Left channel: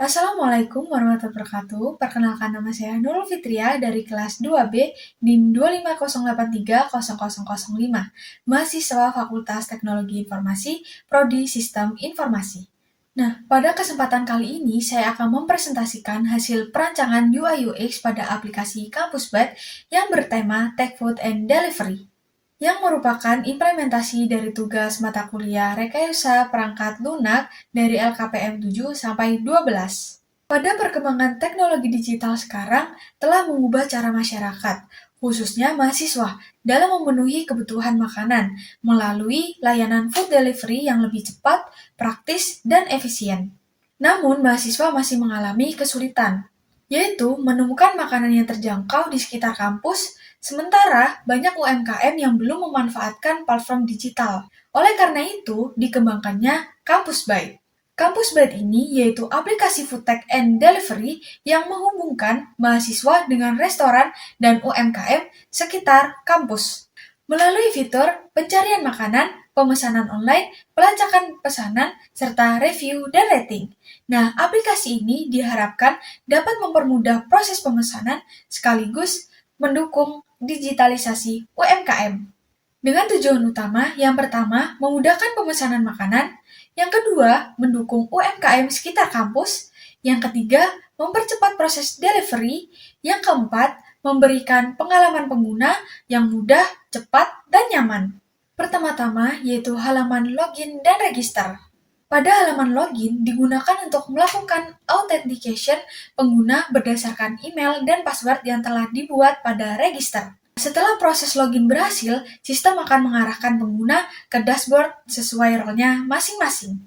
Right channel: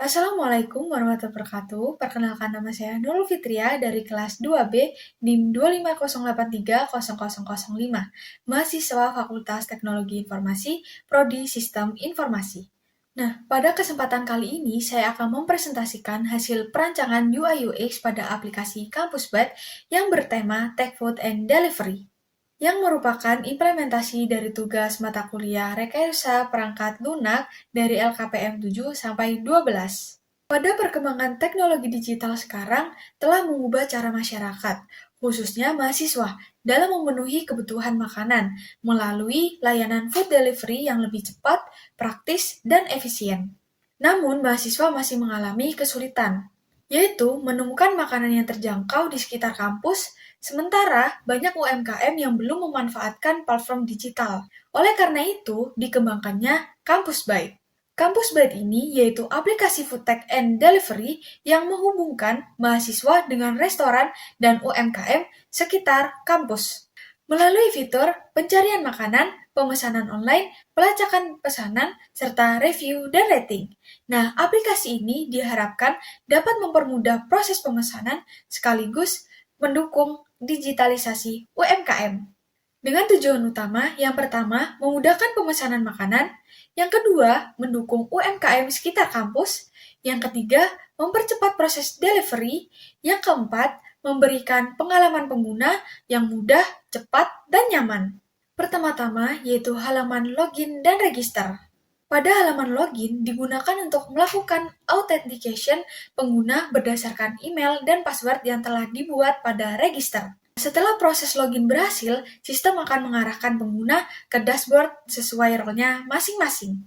Assalamualaikum warahmatullahi wabarakatuh. Perkenalkan nama saya Nurul Fitria dari kelas 2B NIM 250830005, mahasiswa Fakultas Teknologi Informasi, Prodi Sistem Informasi. Nah, pada kesempatan kali ini saya akan mempresentasikan hasil perancangan UI UX pada aplikasi Kampus Byte yang bertema Tech Food and Delivery, yang merupakan implementasi dari tugas mata kuliah Rekayasa Perangkat Lunak dari LKPM 7 sampai 12. Pada perkembangan teknologi digital sekarang telah mengubah cara masyarakat, khususnya mahasiswa, dalam memenuhi kebutuhan makanan melalui layanan food delivery yang lebih cepat, praktis, dan efisien. Namun, mahasiswa masih mengalami kesulitan, yaitu menemukan makanan yang terjangkau di sekitar kampus, sementara banyak UMKM yang belum memanfaatkan platform digital. Oleh karena itu, dikembangkannya Kampus Byte. Kampus Byte ini yaitu aplikasi food tech and delivery yang menghubungkan mahasiswa dengan restoran dan UMKM sekitar kampus. Melalui fitur pencarian makanan, pemesanan online, pelacakan pesanan, serta review dan rating. Nah, aplikasi ini diharapkan dapat mempermudah proses pemesanan sekaligus mendukung digitalisasi UMKM. Dengan tujuan utama, yang pertama, memudahkan pemesanan makanan, yang kedua, mendukung UMKM sekitar kampus, yang ketiga, mempercepat proses delivery, yang keempat, memberikan pengalaman pengguna yang mudah, cepat, dan nyaman. Pertama-tama, yaitu halaman login dan register. Pada halaman login digunakan untuk melakukan authentication pengguna berdasarkan email dan password yang telah dibuat pada register. Setelah proses login berhasil, sistem akan mengarahkan pengguna ke dashboard sesuai role-nya masing-masing.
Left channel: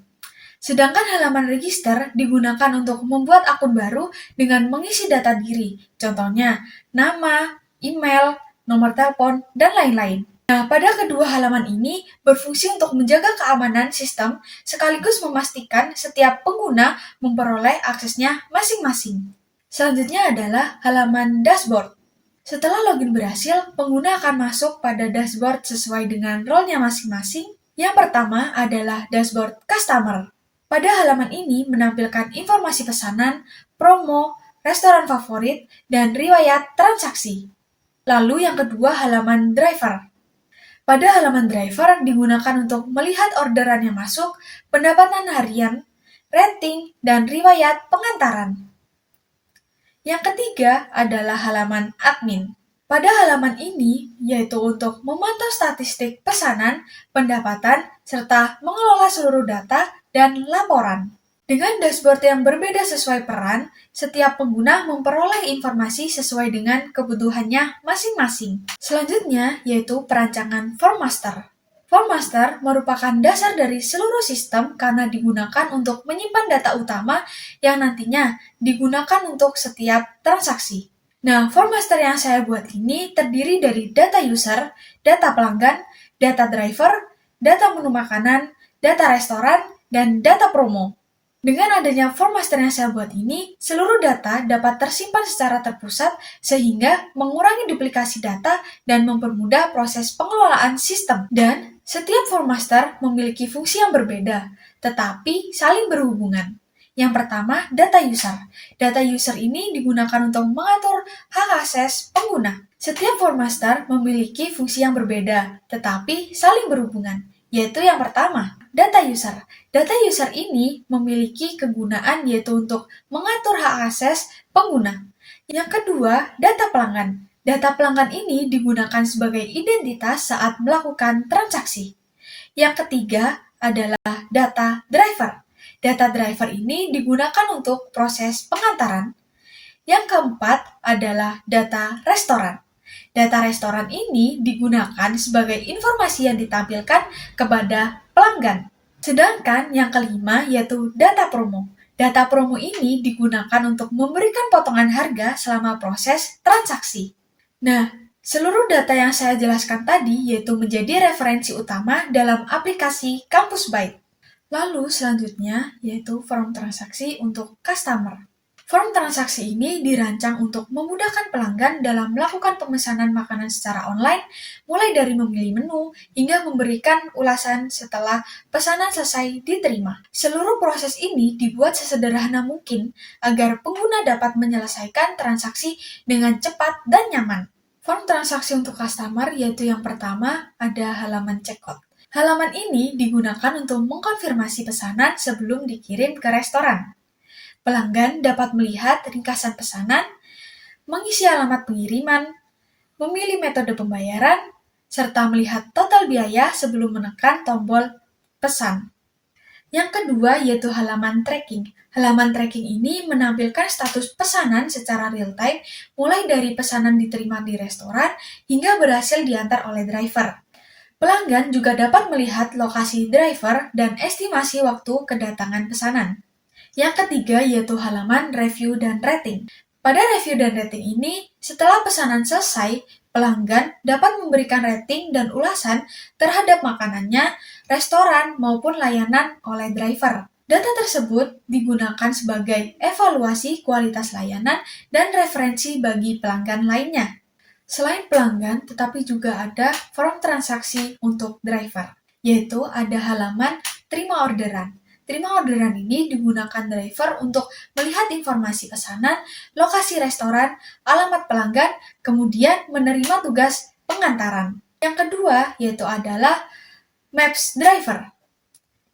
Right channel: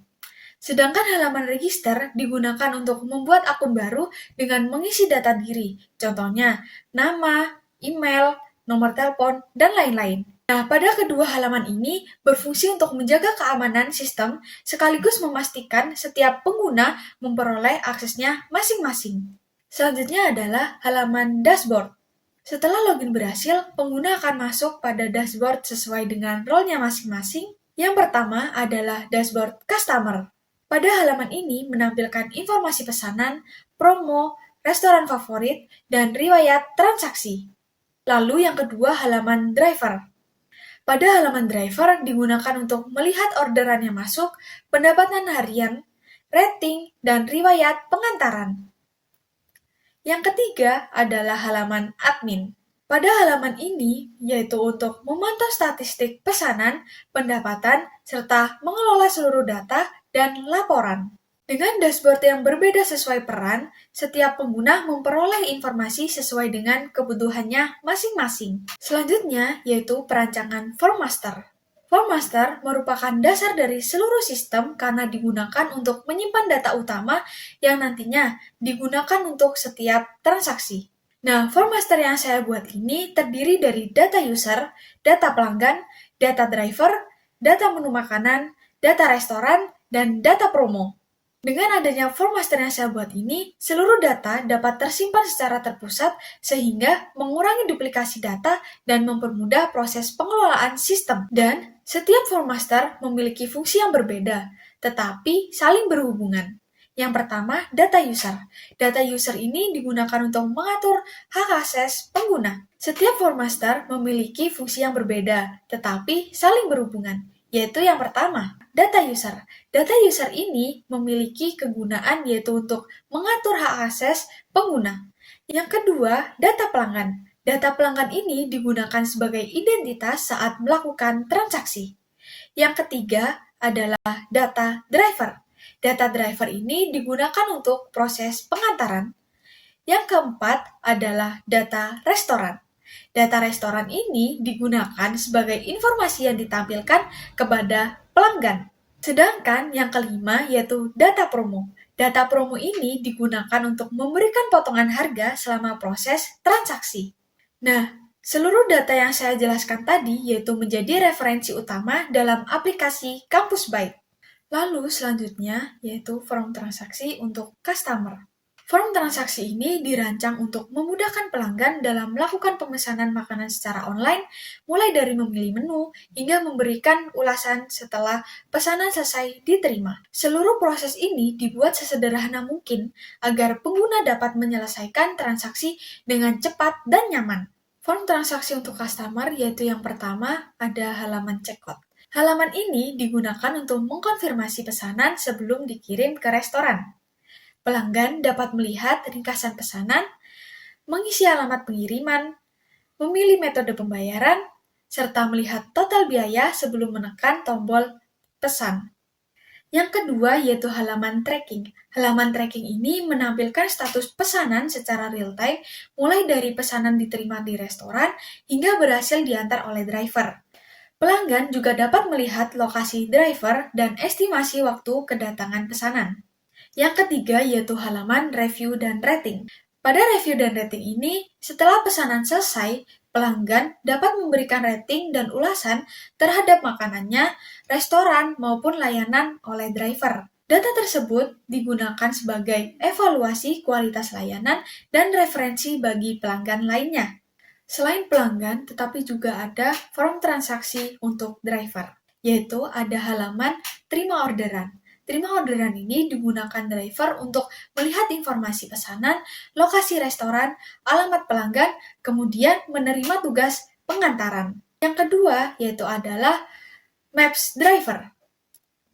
Sedangkan halaman register digunakan untuk membuat akun baru dengan mengisi data diri, contohnya nama, email, nomor telepon, dan lain-lain. Nah, pada kedua halaman ini berfungsi untuk menjaga keamanan sistem sekaligus memastikan setiap pengguna memperoleh aksesnya masing-masing. Selanjutnya adalah halaman dashboard. Setelah login berhasil, pengguna akan masuk pada dashboard sesuai dengan role-nya masing-masing. Yang pertama adalah dashboard customer. Pada halaman ini menampilkan informasi pesanan, promo, restoran favorit, dan riwayat transaksi. Lalu yang kedua halaman driver. Pada halaman driver digunakan untuk melihat orderan yang masuk, pendapatan harian, rating, dan riwayat pengantaran. Yang ketiga adalah halaman admin. Pada halaman ini, yaitu untuk memantau statistik pesanan, pendapatan, serta mengelola seluruh data dan laporan. Dengan dashboard yang berbeda sesuai peran, setiap pengguna memperoleh informasi sesuai dengan kebutuhannya masing-masing. Selanjutnya, yaitu perancangan form master. Form master merupakan dasar dari seluruh sistem karena digunakan untuk menyimpan data utama yang nantinya digunakan untuk setiap transaksi. Nah, form master yang saya buat ini terdiri dari data user, data pelanggan, data driver, data menu makanan, data restoran, dan data promo. Dengan adanya form master yang saya buat ini, seluruh data dapat tersimpan secara terpusat sehingga mengurangi duplikasi data dan mempermudah proses pengelolaan sistem. Dan setiap form master memiliki fungsi yang berbeda, tetapi saling berhubungan. Yang pertama, data user. Data user ini digunakan untuk mengatur hak akses pengguna. Setiap form master memiliki fungsi yang berbeda, tetapi saling berhubungan, yaitu yang pertama, data user. Data user ini memiliki kegunaan yaitu untuk mengatur hak akses pengguna. Yang kedua, data pelanggan. Data pelanggan ini digunakan sebagai identitas saat melakukan transaksi. Yang ketiga adalah data driver. Data driver ini digunakan untuk proses pengantaran. Yang keempat adalah data restoran. Data restoran ini digunakan sebagai informasi yang ditampilkan kepada pelanggan. Sedangkan yang kelima yaitu data promo. Data promo ini digunakan untuk memberikan potongan harga selama proses transaksi. Nah, seluruh data yang saya jelaskan tadi yaitu menjadi referensi utama dalam aplikasi Kampus Byte. Lalu selanjutnya yaitu form transaksi untuk customer. Form transaksi ini dirancang untuk memudahkan pelanggan dalam melakukan pemesanan makanan secara online, mulai dari memilih menu hingga memberikan ulasan setelah pesanan selesai diterima. Seluruh proses ini dibuat sesederhana mungkin agar pengguna dapat menyelesaikan transaksi dengan cepat dan nyaman. Form transaksi untuk customer yaitu yang pertama ada halaman checkout. Halaman ini digunakan untuk mengkonfirmasi pesanan sebelum dikirim ke restoran. Pelanggan dapat melihat ringkasan pesanan, mengisi alamat pengiriman, memilih metode pembayaran, serta melihat total biaya sebelum menekan tombol pesan. Yang kedua yaitu halaman tracking. Halaman tracking ini menampilkan status pesanan secara real-time, mulai dari pesanan diterima di restoran hingga berhasil diantar oleh driver. Pelanggan juga dapat melihat lokasi driver dan estimasi waktu kedatangan pesanan. Yang ketiga yaitu halaman review dan rating. Pada review dan rating ini, setelah pesanan selesai, pelanggan dapat memberikan rating dan ulasan terhadap makanannya, restoran, maupun layanan oleh driver. Data tersebut digunakan sebagai evaluasi kualitas layanan dan referensi bagi pelanggan lainnya. Selain pelanggan, tetapi juga ada form transaksi untuk driver, yaitu ada halaman terima orderan. Terima orderan ini digunakan driver untuk melihat informasi pesanan, lokasi restoran, alamat pelanggan, kemudian menerima tugas pengantaran. Yang kedua yaitu adalah Maps Driver.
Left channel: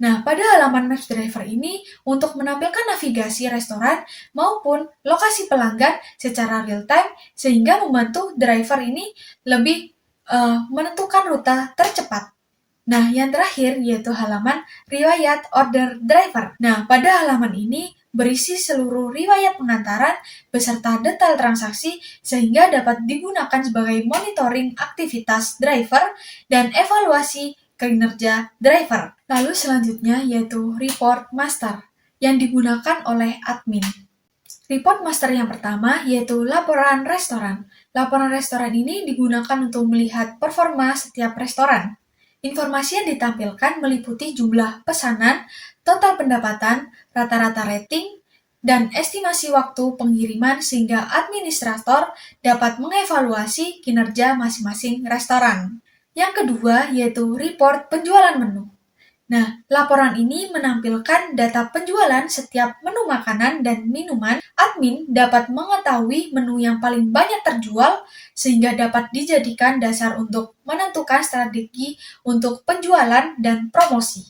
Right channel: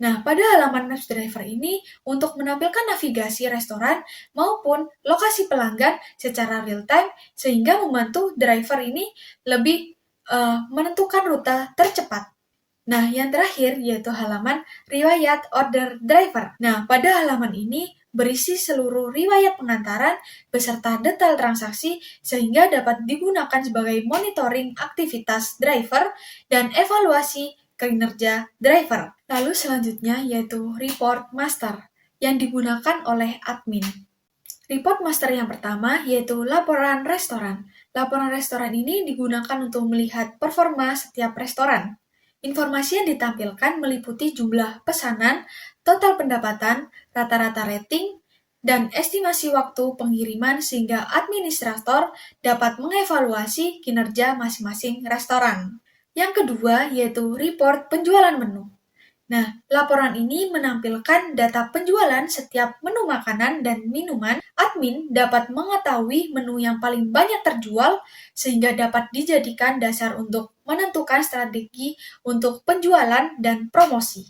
Nah, pada halaman Maps Driver ini untuk menampilkan navigasi restoran maupun lokasi pelanggan secara real-time sehingga membantu driver ini lebih menentukan rute tercepat. Nah, yang terakhir yaitu halaman riwayat order driver. Nah, pada halaman ini berisi seluruh riwayat pengantaran beserta detail transaksi sehingga dapat digunakan sebagai monitoring aktivitas driver dan evaluasi kinerja driver. Lalu selanjutnya yaitu report master yang digunakan oleh admin. Report master yang pertama yaitu laporan restoran. Laporan restoran ini digunakan untuk melihat performa setiap restoran. Informasi yang ditampilkan meliputi jumlah pesanan, total pendapatan, rata-rata rating, dan estimasi waktu pengiriman sehingga administrator dapat mengevaluasi kinerja masing-masing restoran. Yang kedua yaitu report penjualan menu. Nah, laporan ini menampilkan data penjualan setiap menu makanan dan minuman. Admin dapat mengetahui menu yang paling banyak terjual sehingga dapat dijadikan dasar untuk menentukan strategi untuk penjualan dan promosi.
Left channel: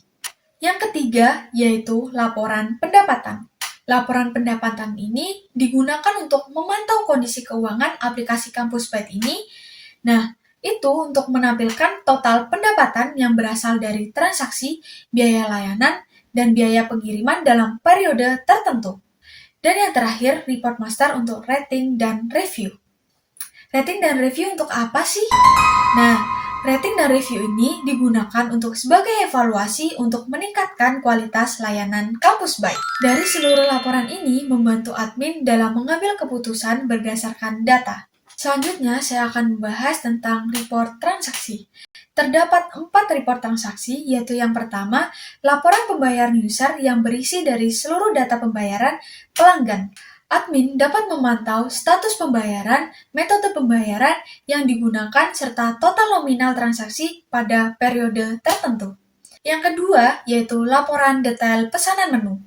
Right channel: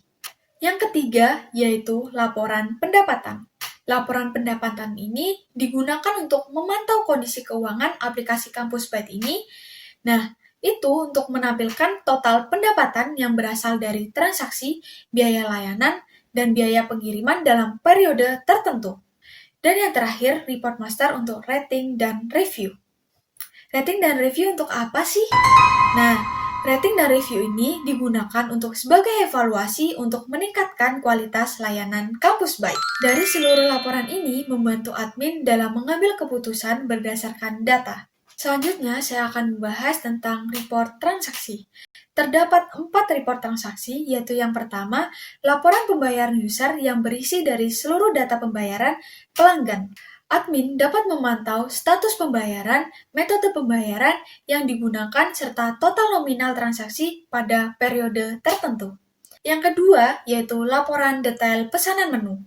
Yang ketiga yaitu laporan pendapatan. Laporan pendapatan ini digunakan untuk memantau kondisi keuangan aplikasi Kampus Byte ini. Nah, itu untuk menampilkan total pendapatan yang berasal dari transaksi, biaya layanan, dan biaya pengiriman dalam periode tertentu. Dan yang terakhir, report master untuk rating dan review. Rating dan review untuk apa sih? Nah, rating dan review ini digunakan untuk sebagai evaluasi untuk meningkatkan kualitas layanan Kampus Byte. Dari seluruh laporan ini membantu admin dalam mengambil keputusan berdasarkan data. Selanjutnya, saya akan membahas tentang report transaksi. Terdapat 4 report transaksi, yaitu yang pertama, laporan pembayaran user yang berisi dari seluruh data pembayaran pelanggan. Admin dapat memantau status pembayaran, metode pembayaran yang digunakan, serta total nominal transaksi pada periode tertentu. Yang kedua, yaitu laporan detail pesanan menu.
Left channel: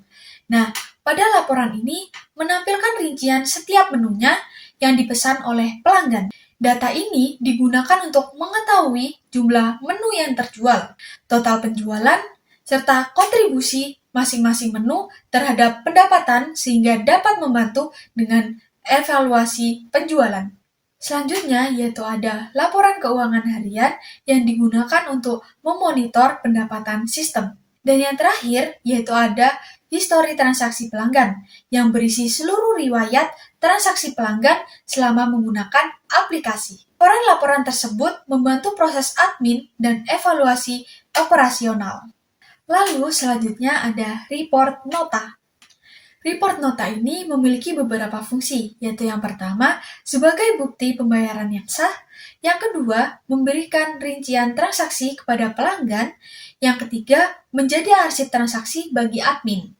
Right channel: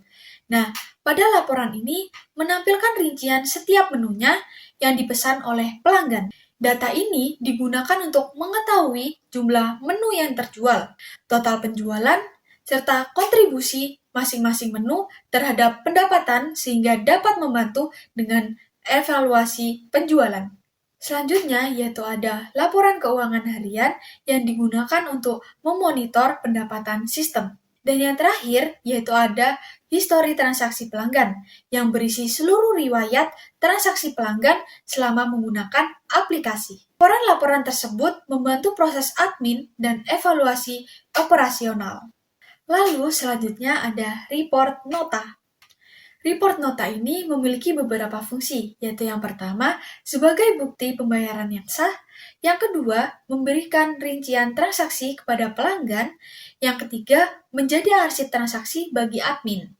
Nah, pada laporan ini menampilkan rincian setiap menunya yang dipesan oleh pelanggan. Data ini digunakan untuk mengetahui jumlah menu yang terjual, total penjualan, serta kontribusi masing-masing menu terhadap pendapatan sehingga dapat membantu dengan evaluasi penjualan. Selanjutnya yaitu ada laporan keuangan harian yang digunakan untuk memonitor pendapatan sistem. Dan yang terakhir yaitu ada histori transaksi pelanggan yang berisi seluruh riwayat transaksi pelanggan selama menggunakan aplikasi. Laporan-laporan tersebut membantu proses admin dan evaluasi operasional. Lalu selanjutnya ada report nota. Report nota ini memiliki beberapa fungsi, yaitu yang pertama, sebagai bukti pembayaran yang sah, yang kedua, memberikan rincian transaksi kepada pelanggan, yang ketiga, menjadi arsip transaksi bagi admin.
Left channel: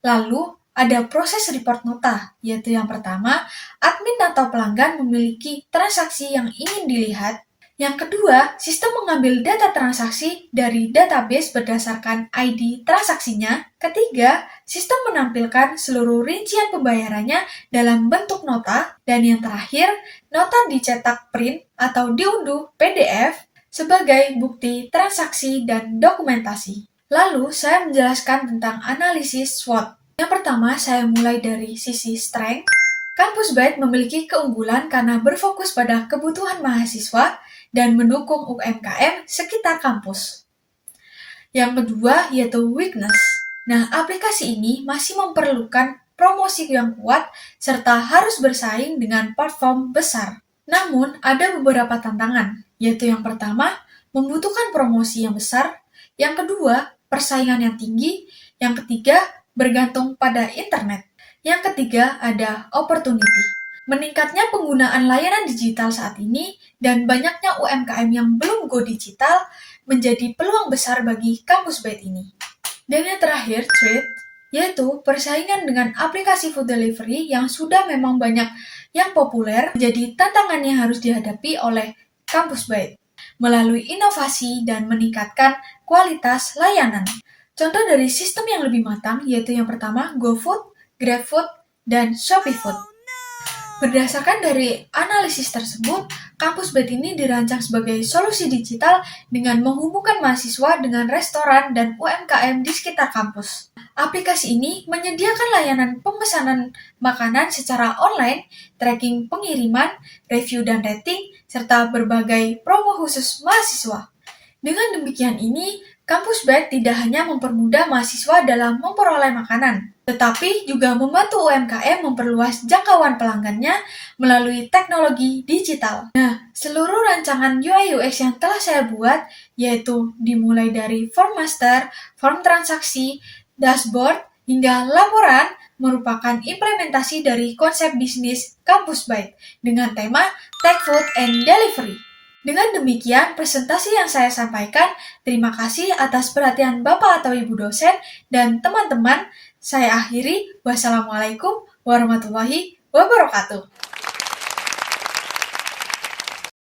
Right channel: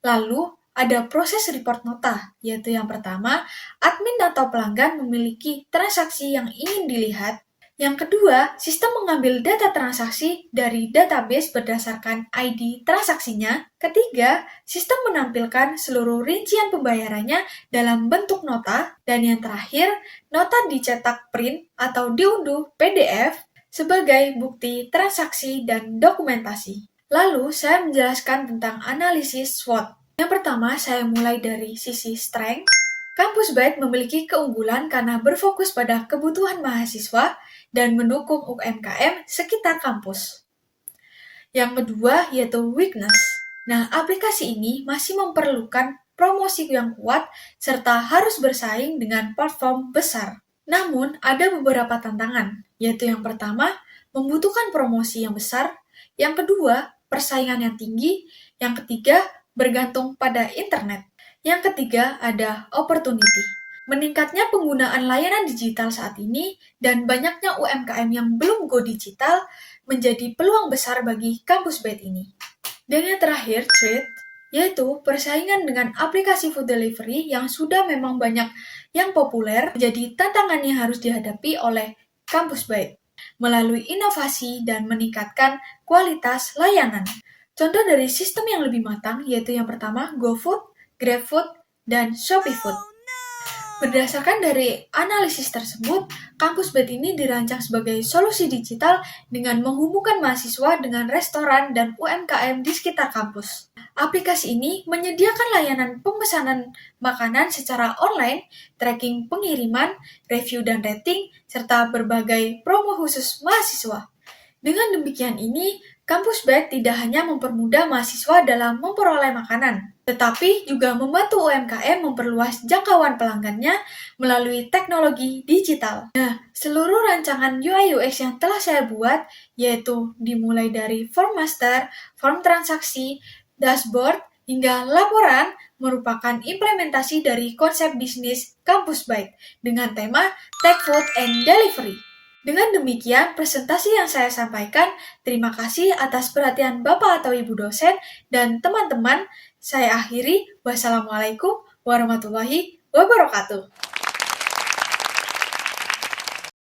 Lalu, ada proses report nota, yaitu yang pertama, admin atau pelanggan memiliki transaksi yang ingin dilihat. Yang kedua, sistem mengambil data transaksi dari database berdasarkan ID transaksinya. Ketiga, sistem menampilkan seluruh rincian pembayarannya dalam bentuk nota. Dan yang terakhir, nota dicetak print atau diunduh PDF sebagai bukti transaksi dan dokumentasi. Lalu, saya menjelaskan tentang analisis SWOT. Yang pertama, saya mulai dari sisi strength. Kampus Byte memiliki keunggulan karena berfokus pada kebutuhan mahasiswa dan mendukung UMKM sekitar kampus. Yang kedua, yaitu weakness. Nah, aplikasi ini masih memerlukan promosi yang kuat serta harus bersaing dengan platform besar. Namun, ada beberapa tantangan, yaitu yang pertama, membutuhkan promosi yang besar, yang kedua, persaingan yang tinggi, yang ketiga, bergantung pada internet. Yang ketiga, ada opportunity. Meningkatnya penggunaan layanan digital saat ini dan banyaknya UMKM yang belum go digital menjadi peluang besar bagi kampus Byte ini. Dan yang terakhir, threat, yaitu persaingan dengan aplikasi food delivery yang sudah memang banyak yang populer menjadi tantangan yang harus dihadapi oleh kampus Byte melalui inovasi dan meningkatkan kualitas layanan. Contoh dari sistem yang lebih matang yaitu yang pertama GoFood, GrabFood, dan ShopeeFood. Berdasarkan dari analisis tersebut, kampus Byte ini dirancang sebagai solusi digital dengan menghubungkan mahasiswa dengan restoran dan UMKM di sekitar kampus. Aplikasi ini menyediakan layanan pemesanan makanan secara online, tracking pengiriman, review dan rating, serta berbagai promo khusus mahasiswa. Dengan demikian ini, kampus Byte tidak hanya mempermudah mahasiswa dalam memperoleh makanan, tetapi juga membantu UMKM memperluas jangkauan pelanggannya melalui teknologi digital. Nah, seluruh rancangan UI UX yang telah saya buat, yaitu dimulai dari form master, form transaksi, dashboard, hingga laporan, merupakan implementasi dari konsep bisnis kampus Byte dengan tema Tech Food and Delivery. Dengan demikian, presentasi yang saya sampaikan, terima kasih atas perhatian Bapak atau Ibu dosen dan teman-teman. Saya akhiri, wassalamualaikum warahmatullahi wabarakatuh.